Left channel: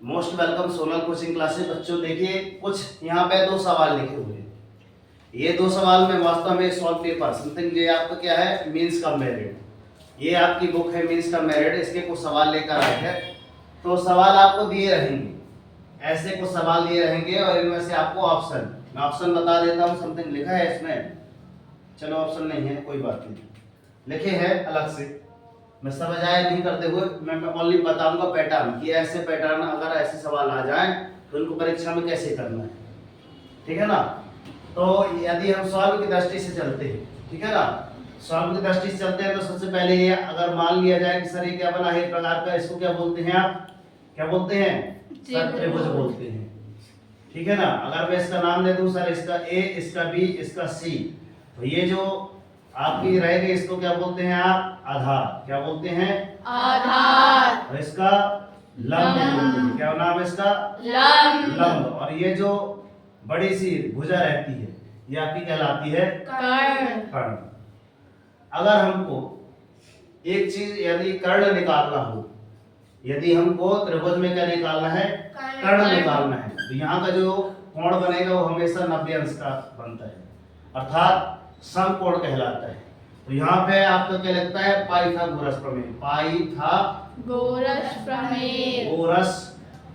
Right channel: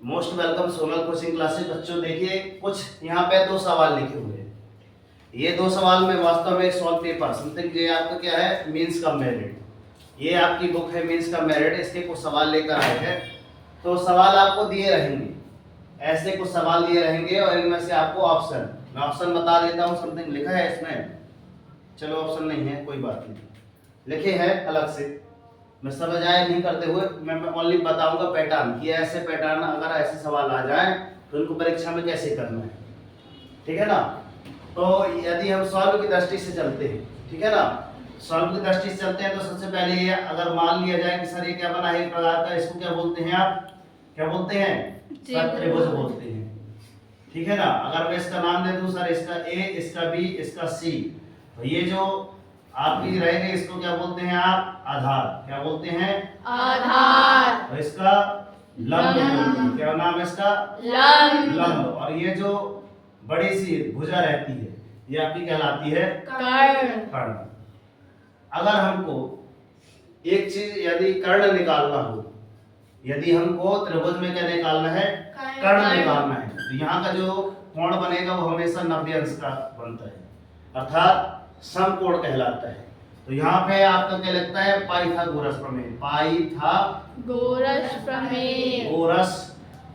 Most welcome Sonal coaching classes. बच्चों देखिए, कुछ यहाँ पे दो सवाल लिखे हुए हैं। ये दो सवाल में वास्तव में सॉल्व पेपर समथिंग ये आपका क्या है, मीन्स का मेरिट। ये आपकी बुक है मीन्स का मेरिट, इसके कुछ सवाल लेकर आए हैं। तो सवाल आपको दिए रहेंगे, ऐसे कुछ सवाल दिए रहेंगे और इनमें से आपको ऑप्शन, मैं ऑप्शन बता देता हूँ। समथिंग लिखा है इसमें, चलो ऑप्शन नहीं है कोई बात नहीं, लिखे हैं अलग से। मैं सब अजाय नहीं करते हुए मैं ओनली बताऊंगा पैटर्न कि ऐसे पैटर्न अगर ऐसे सवाल आ जाएं तो उनको परीक्षा में कैसे करना है, ठीक है ना। तो यदि हम सॉल्व की दृष्टि से चलते हैं, ठीक है ना, सॉल्व की दृष्टि से चलते हैं तो सबसे पहले ये अगर मान लिया जाए कि सर ये क्या बना है एक प्रकार का, इसको क्या बोलते हैं आप, क्या बोलते हैं सर, त्रिभुज बोलते हैं, ठीक है ना। अगर मैं इसका नाम दे दूं सर, इसका ए, इसका बी, इसका सी, तो ये जो आपकी रहेगी इसको क्या बोलते हैं आप, आधार। क्या बोलते हैं, आधार। और इसका लंब बोलते हैं। क्या नाम है इसका, लंब। और ये जो बड़ी सी भुजा रहती है ये आपकी कहलाती है कर्ण। अगर हमको एक चीज यदि कर्ण निकालना हो, यदि हमको त्रिभुज में क्या निकालना है, कर्ण निकालना है, तो यहाँ का जो कोण बनेगा वो हमेशा 90 अंश का बनता है, अर्थात समकोण कहलाता है। तो यहाँ पे आपका क्या लगता है, पाइथागोरस प्रमेय, पाइथागोरस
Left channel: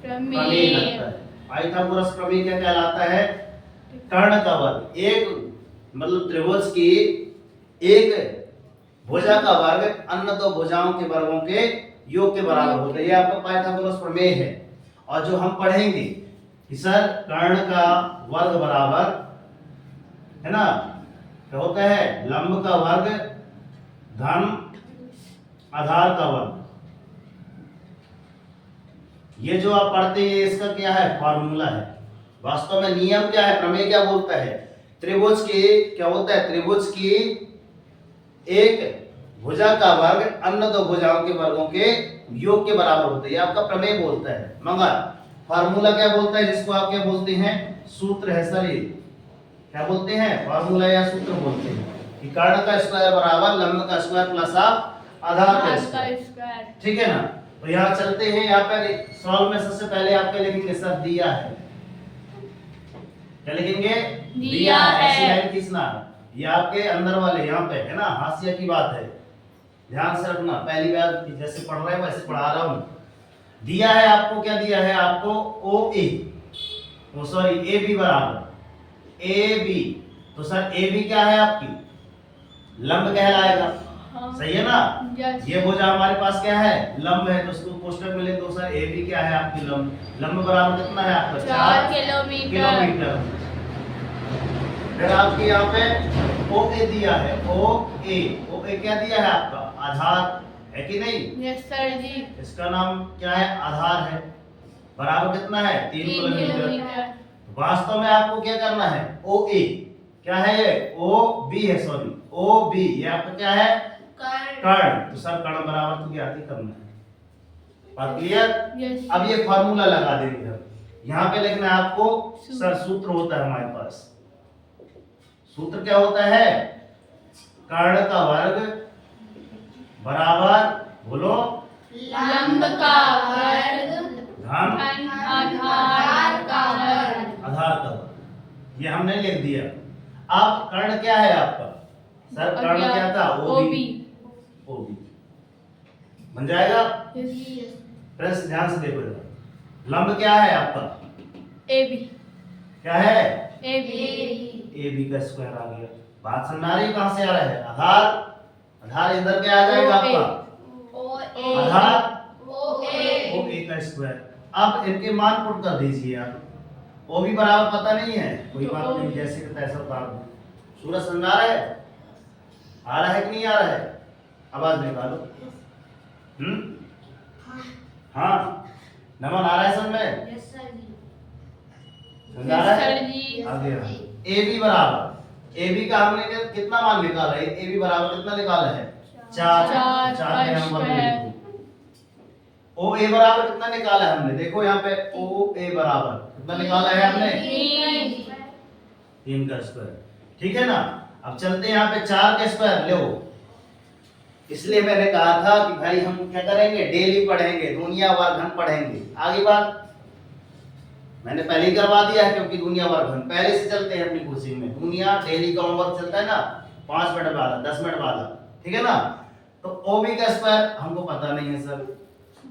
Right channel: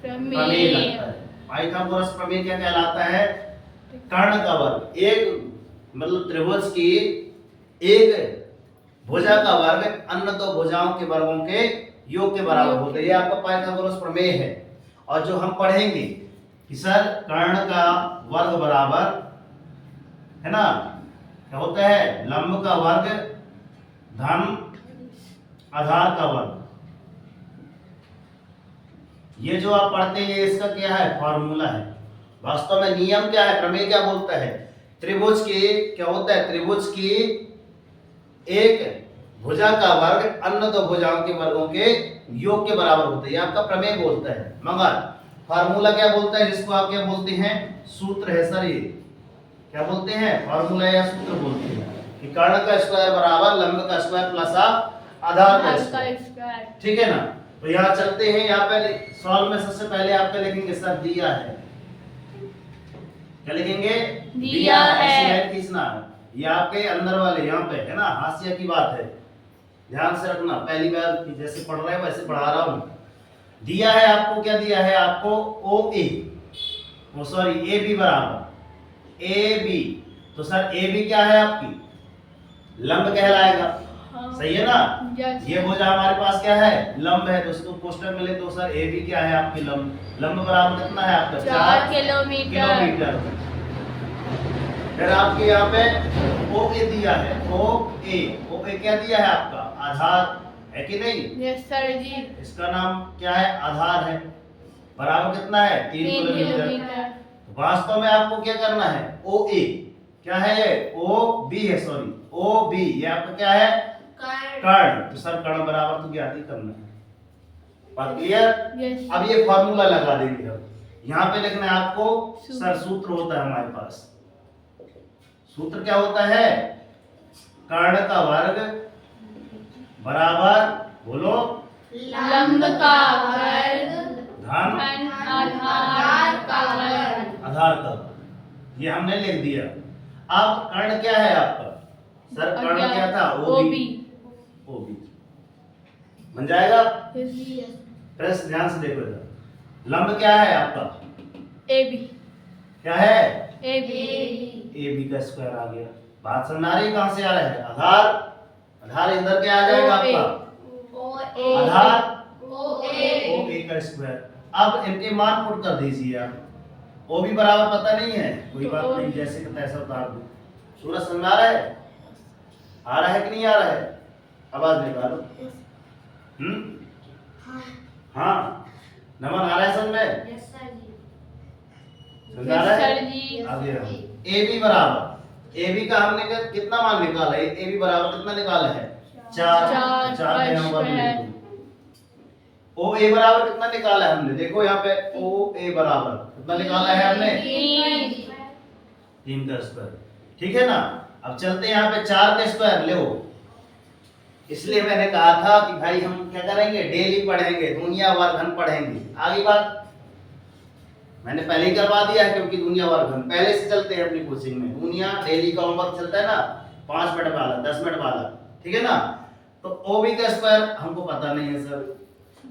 प्रमेय लगता है। पाइथागोरस प्रमेय क्या कहलाता है, कर्ण का वर्ग, एक मतलब त्रिभुज की एक भुजा का वर्ग अन्य दो भुजाओं के वर्गों के योग के बराबर होता है। ये आपका पाइथागोरस प्रमेय है। और जो हम पढ़ेंगे कि सर कर्ण का वर्ग बराबर है ना, क्या होता है, लंब का वर्ग धन आधार का वर्ग। ये जो आप पढ़ते हैं इसका क्या है, फॉर्मूला है। वास्तव में नियम क्या है, प्रमेय क्या बोलता है, त्रिभुज की क्या होता है, त्रिभुज की एक भुजा का वर्ग अन्य दो भुजाओं के वर्गों के योग के बराबर होता है। ये आपका प्रमेय बोलता है। मगर फार्मूला क्या बोलता है, जिसको आप क्या बोलते हैं, सूत्र है सर। ये क्या बोलते हैं, फार्मूला या सूत्र बोलते हैं कि कर्ण का स्क्वायर बराबर लंब का स्क्वायर प्लस आधार का स्क्वायर, ठीक है ना। तो यहाँ चलते हैं, यहाँ पे सॉल्व में सबसे पहले आप क्या लिखेंगे सर, दिया है। क्या लिखेंगे, दिया है। ऐसी लाइन खींचना, ये आपके अंदर वाले यहाँ पे है ना, हाशिया की बात है, ध्यान से रखना। पहली बार जैसे पढ़ रहे हैं वैसे पढ़ा रहा हूँ। दिया है आपको, क्या दिया है आपको, ओ ए, सॉरी ए बी बराबर ए बी। तो सर ए बी क्या है आपकी, लंब कहलाएगा, सही है ना। ये भुजा हमारे पास क्या है, लंब है, तो उसको पोस्टर में ले तो सर ए बी क्या है आपकी, लंब। लंब बराबर कितना है आपका, 4 किलोमीटर। फिर आपके यहाँ पे ओ ए दिया है, ओ ए क्या दिया है आपका, आधार है कि नहीं, यस सर जी। इसका नाम क्या है, आधार है, बराबर कितना है, 3 किलोमीटर। वास्तव में आपको क्या करना है, ओ ए क्या है, ये ओ बी है, सॉरी ओ बी, ये आपका क्या है, कर्ण। तो सर कर्ण बराबर तो ज्ञात ही करना है, बात क्लियर। अब ये फॉर्मूला लगा देंगे हम, यहाँ पे लिखना है आपको सर, सूत्र होता है हमारे पास। सूत्र क्या होता है, कर्ण का वर्ग बराबर, बोलो, लंब का वर्ग धन आधार का वर्ग। आधार का वर्ग, ये हमने लिख दिया। अब कर्ण क्या है आपका, सर कर्ण क्या था, ओ बी बन जाएगा। प्रेस ध्यान से देखो इधर, लंब क्या है आपका, ए बी, क्या है, ए बी का स्क्वायर आ गया। बात समझ आ रही है, कहां से आ रहा है, आधार इधर क्या आ जाएगा आपका, आधार ओ ए का स्क्वायर। अब इनके मान पुट कर दीजिए आप, ओ भी बराबर पता नहीं है, कोई बात नहीं, जैसे कि तैसा उतार दो। सूरज समझ आ रहा है कि नहीं आ रहा है, आवाज निकालो। हाँ, नमन आ रहा है समझ में, समझ आ रहा है, आगे हम ए बी बराबर, ए बी का हमने कितना मान निकाला है, ए बी बराबर कितना निकाला है, 4 ओ ए बराबर कितना निकाला है हमने, देखो यहाँ पे ओ ए बराबर कितना निकाला है हमने, 3 का स्क्वायर, ठीक है ना। अब चलते हैं यहाँ पे 4 का स्क्वायर ले, इसलिए मैंने कहा था कि भाई हम क्या करेंगे, डेली पढ़ेंगे, दुनिया वर्ग हम पढ़ेंगे। आगे बात मैंने पहले ही करवा दिया है क्योंकि दुनिया वर्गखंड पहले से चलते हैं अपनी कोचिंग में। दुनिया डेली का होमवर्क चलता है ना 5 मिनट वाला 10 मिनट वाला, ठीक है ना। तो ओबी का स्क्वायर हमको पता नहीं है सर,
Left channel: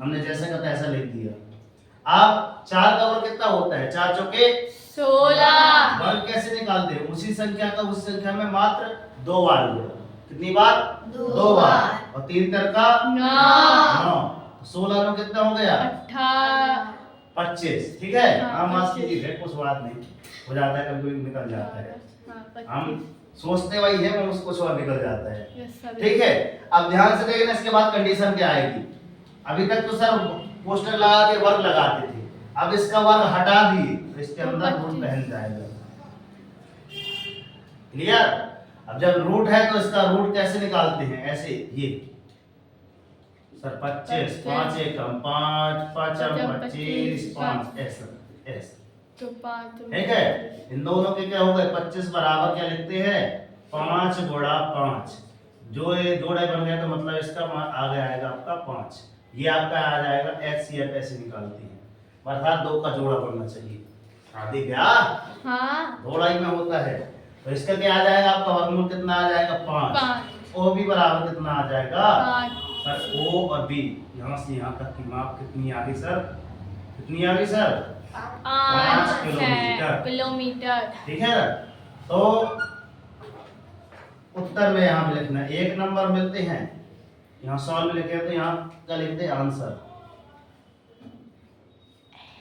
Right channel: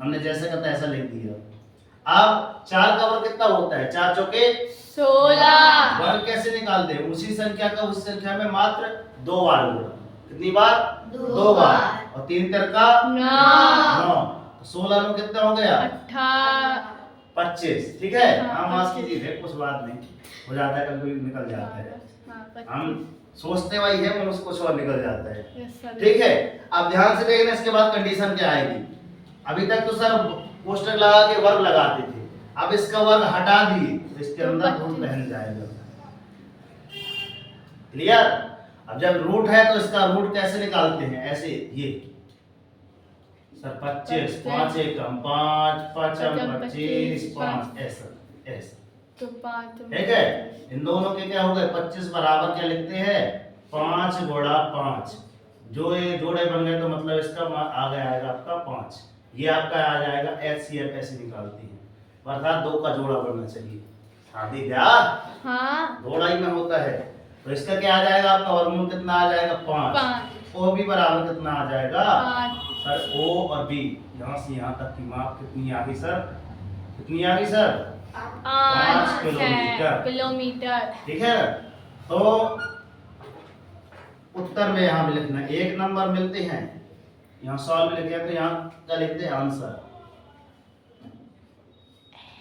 हमने जैसा का तैसा लिख दिया। अब 4 का वर्ग कितना होता है? 4 चौके 16। वर्ग कैसे निकालते हैं? उसी संख्या का उस संख्या में मात्र 2 बार होगा। कितनी बार? 2 बार। और 3 तर का 9। 16 में कितना हो गया? 25, ठीक है। हाँ, हम आज 25। की है, कुछ बात नहीं, हो जाता है, कभी निकल जाता है। हाँ, हम सोचते वही है, वो कुछ और निकल जाता है, Yes, sir. ठीक है। अब ध्यान से देखना, इसके बाद कंडीशन क्या आएगी। अभी तक तो सर पोस्टर लगा के वर्ग लगाते थे, अब इसका वर्ग हटा दिए तो इसके तो अंदर 25। रूट बहन जाएगा। क्लियर? अब जब रूट है तो इसका रूट कैसे निकालते हैं? ऐसे, ये सर 25, 5 एकम 5, 5 25, 5 ऐसा ऐसा, तो 5 ठीक है। इन दोनों के क्या हो गए? 25 बराबर क्या लिखते हैं? 5 गुणा 5। जो ये जोड़े बन गए तो मतलब इसका आ गया आएगा आपका 5। ये आपका आ जाएगा HCF, ऐसे निकालते हैं, अर्थात 2 का जोड़ा बनना चाहिए। शादी ब्याह हाँ जोड़ा ही में होता है। तो इसका क्या आ जाएगा आपका? वर्गमूल कितना आ जाएगा? 5। ओ भी बराबर कितना आ जाएगा? 5। सर O और B यहाँ से यहाँ तक की माप कितनी आ गई सर? कितनी आ गई सर? 5 किलोमीटर। ठीक है। तो उत्तर में यहाँ भी लिखना है, 1 नंबर मिलते हैं, यहाँ सॉल्व लिखे तो यहाँ का लिखते हैं आंसर,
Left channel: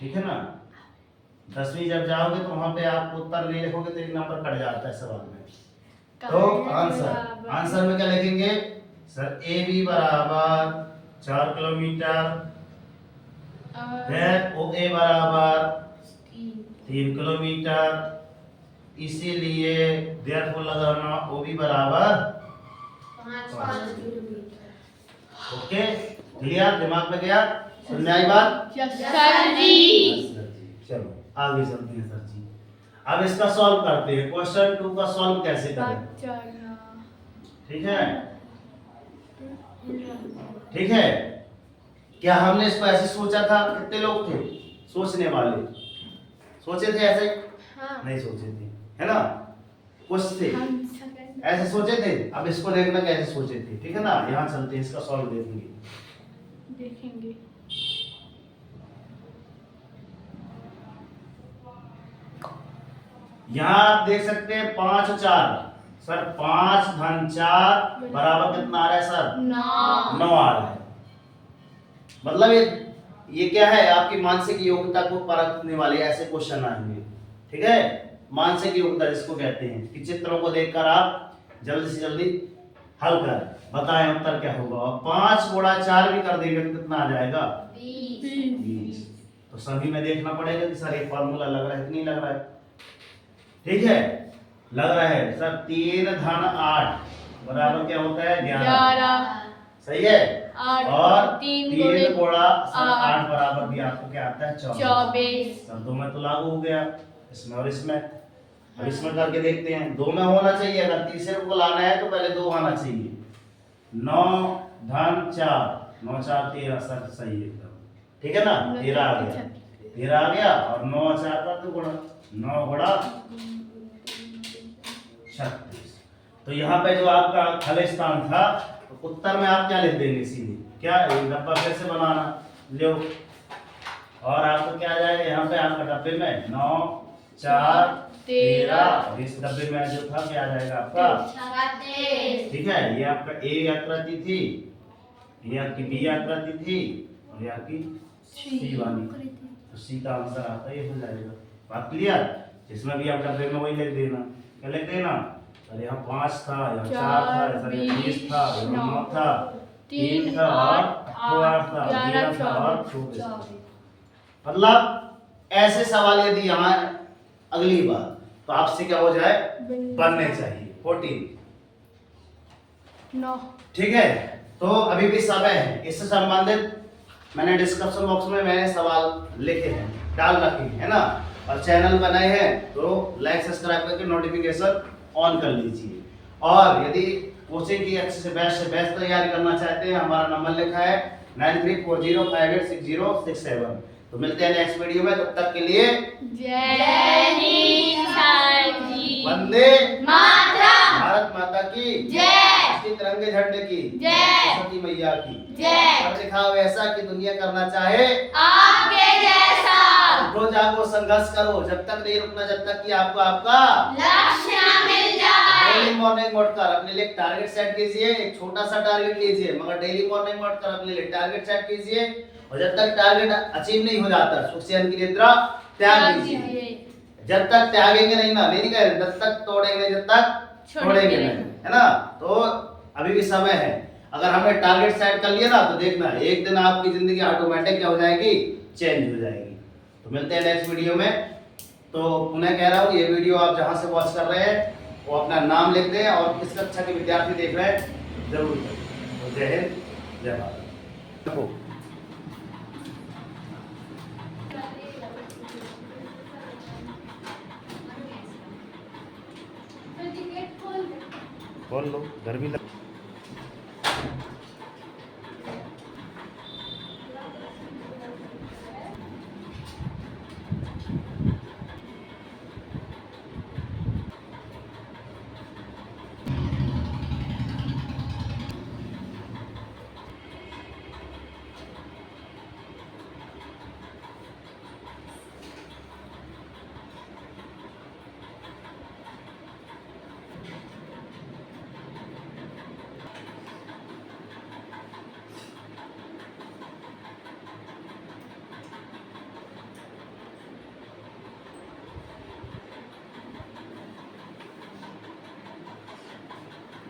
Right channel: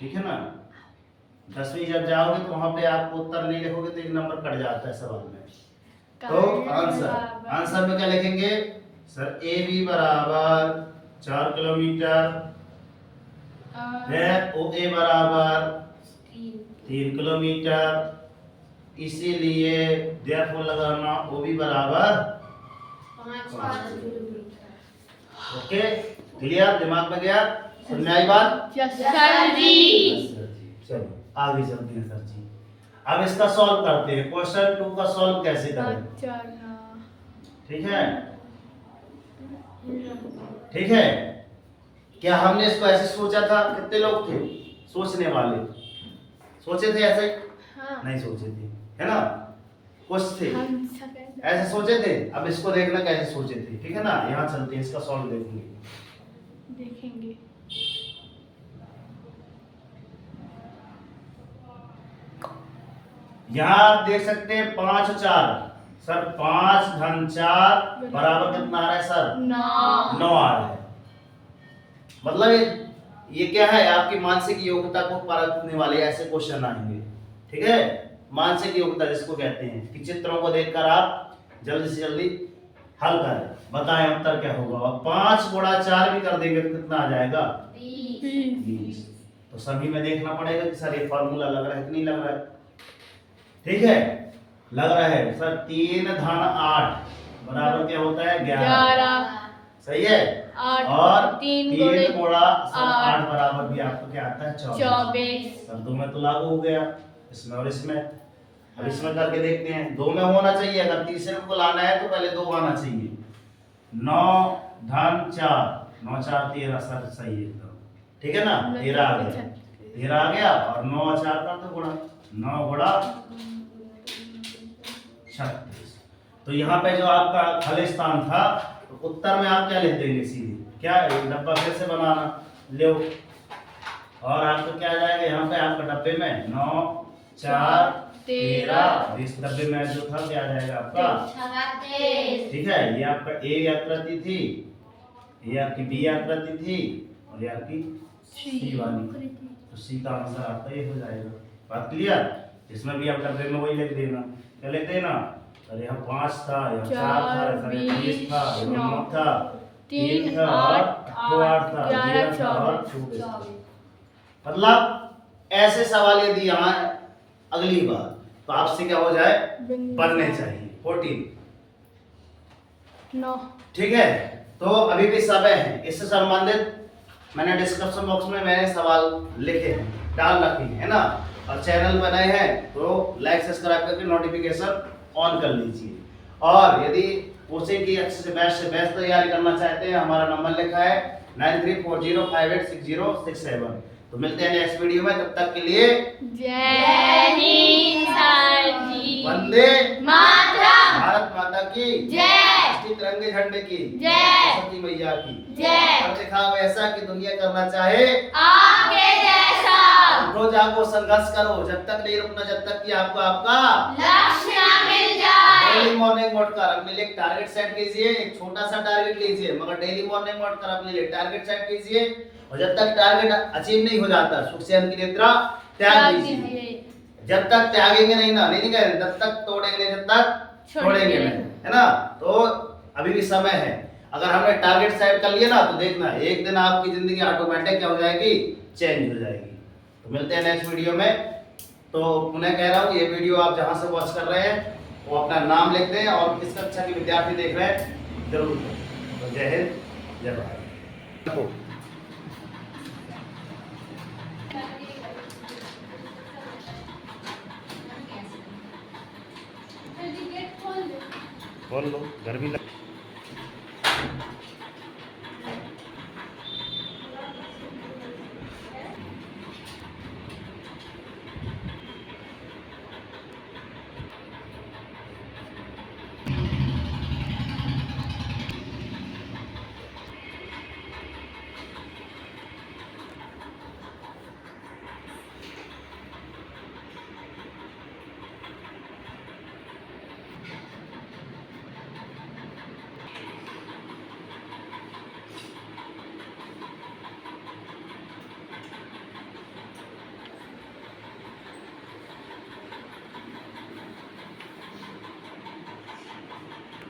ठीक है ना। 10वीं जब जाओगे तो वहां पे आप उत्तर नहीं लिखोगे तो 1 नंबर कट जाता है सवाल में। तो आंसर में क्या लिखेंगे सर? ए बी बराबर 4 किलोमीटर, फिर ओ ए बराबर 3 किलोमीटर, इसीलिए देयरफॉर लगाना ओ बी बराबर 5 किलोमीटर। Okay, clear? दिमाग में गया? सुनने आई बात? यस सर जी। चलो आगे चलते हैं सर जी। अब इसका सॉल्व करते हैं। क्वेश्चन 2 का सॉल्व कैसे करें? ठीक है, ठीक है। क्या हमने इसको ऐसे सोचा था? कितने लोग थे सोचने वाले? सोचे थे ऐसे? हाँ। नहीं सोचे थे, है ना। कुछ थे हम ऐसे सोचे थे। अब इसको देखना कैसे सोचे थे, ठीक है ना। यहाँ चलते हैं, इसका सॉल्व देखेंगे। देखेंगे। यहाँ आप देख सकते हैं 5 और 4 सर, 5 धन 4 बराबर कितना आ रहा है सर? 9 आ रहा है। मतलब ये क्या है? आपकी मानसिक योग्यता को परखने वाले ऐसे क्वेश्चन आएंगे, ठीक है। मानसिक योग्यता जिसको कहते हैं कि चित्रों को देखकर आप जल्दी से जल्दी हल करें, बताएं उत्तर क्या होगा। और 5 गुणा 4 भी कर देंगे तो कितना आ जाएगा? 20। तो सभी में देखना पड़ेगा कि सर ये फॉर्मूला लग रहा है कि नहीं लग रहा है, ठीक है। लग रहा है सर। 3 धन 8 बराबर क्या होता है? 11। सही है। 8 और 3 गुणा 8 बराबर भी आपको क्या आता है? 24। सर 2 में तो लागू हो गया, इसमें और इसमें। अब इसमें करके देखते हैं। 2 में होना चाहिए, अगर तीसरे को लाना है तो पहले 2 आना चाहिए। 9 धन 4 9 4 13 सर सही है एकदम, ठीक है ना। 13 आ गया, 13 आ गया। और 9 और 4 का तो गुणा, 9 गुणा 36। तो यहाँ पे जो आपका खाली स्थान था, तो उत्तर में आप क्या लिख देंगे? सीधे क्या एक डब्बा फिर से बनाना लो, और आपका क्या आ जाएगा? यहाँ पे आपका डब्बे में 9 4 13, इस डब्बे में जो था क्या आ जाएगा आपका? ठीक है। ये आपका ए आकृति थी, ये आपकी बी आकृति थी, और ये आपकी सी वाली। तो सी का आंसर आपका ये हो जाएगा। बात क्लियर? इसमें भी आप डब्बे में वही लिख देना। क्या लिख देना सर? यहाँ 5 था, यहाँ 4 था, इधर 20 था, यहाँ 9 था, 3 था और 8 था, 11 था और 24 था। मतलब ऐसे सवाल यदि यहाँ अगली बार तो आपसे क्या हो जाए? बनने चाहिए 14। 9। ठीक है। तो अभी भी समय है, इससे संबंधित मैंने डिस्क्रिप्शन बॉक्स में मैंने सवाल लिखे हैं, डाल रखे हैं, है ना। और चैनल बनाए हैं तो लाइक सब्सक्राइब करके नोटिफिकेशन ऑन कर लीजिए। और यदि कोचिंग की अच्छे से बेस्ट तैयारी करना चाहते हैं, हमारा नंबर लिखा है 9340586067। तो मिलते हैं नेक्स्ट वीडियो में, तब तक के लिए जय हिंद सर जी। वंदे मातरम। भारत माता की जय। राष्ट्रीय तिरंगे झंडे की जय। सरस्वती मैया की जय। कर दिखाओ ऐसा कि दुनिया करना चाहे आपके जैसा। उठो जागो संघर्ष करो, जब तक नहीं रुकना, जब तक कि आपको आपका लक्ष्य मिल जाए। डेली मॉर्निंग उठकर अपने लिए टारगेट सेट कीजिए, एक छोटा सा टारगेट लीजिए, मगर डेली मॉर्निंग उठकर अपने लिए टारगेट सेट कीजिए, और जब तक टारगेट अचीव नहीं हो जाता सुख चैन की निद्रा त्याग दीजिए। जब तक त्यागेंगे नहीं ना, नहीं कह तब तक तोड़ेंगे नहीं, जब तक छोड़ेंगे नहीं, है ना। तो अभी भी समय है, अगर हमने टारगेट सेट कर लिया ना तो देखना एक दिन आपकी जिंदगी ऑटोमेटिक क्या हो जाएगी, चेंज हो जाएगी। तो मिलते हैं नेक्स्ट वीडियो में। तो पुनः कह रहा हूँ, ये वीडियो आप जहाँ से वॉच कर रहे हैं वो अपना नाम लिख दें, और किस कक्षा के विद्यार्थी देख रहे हैं जरूर करें। तो जय हिंद, जय भारत। बोल लो, घर भी लग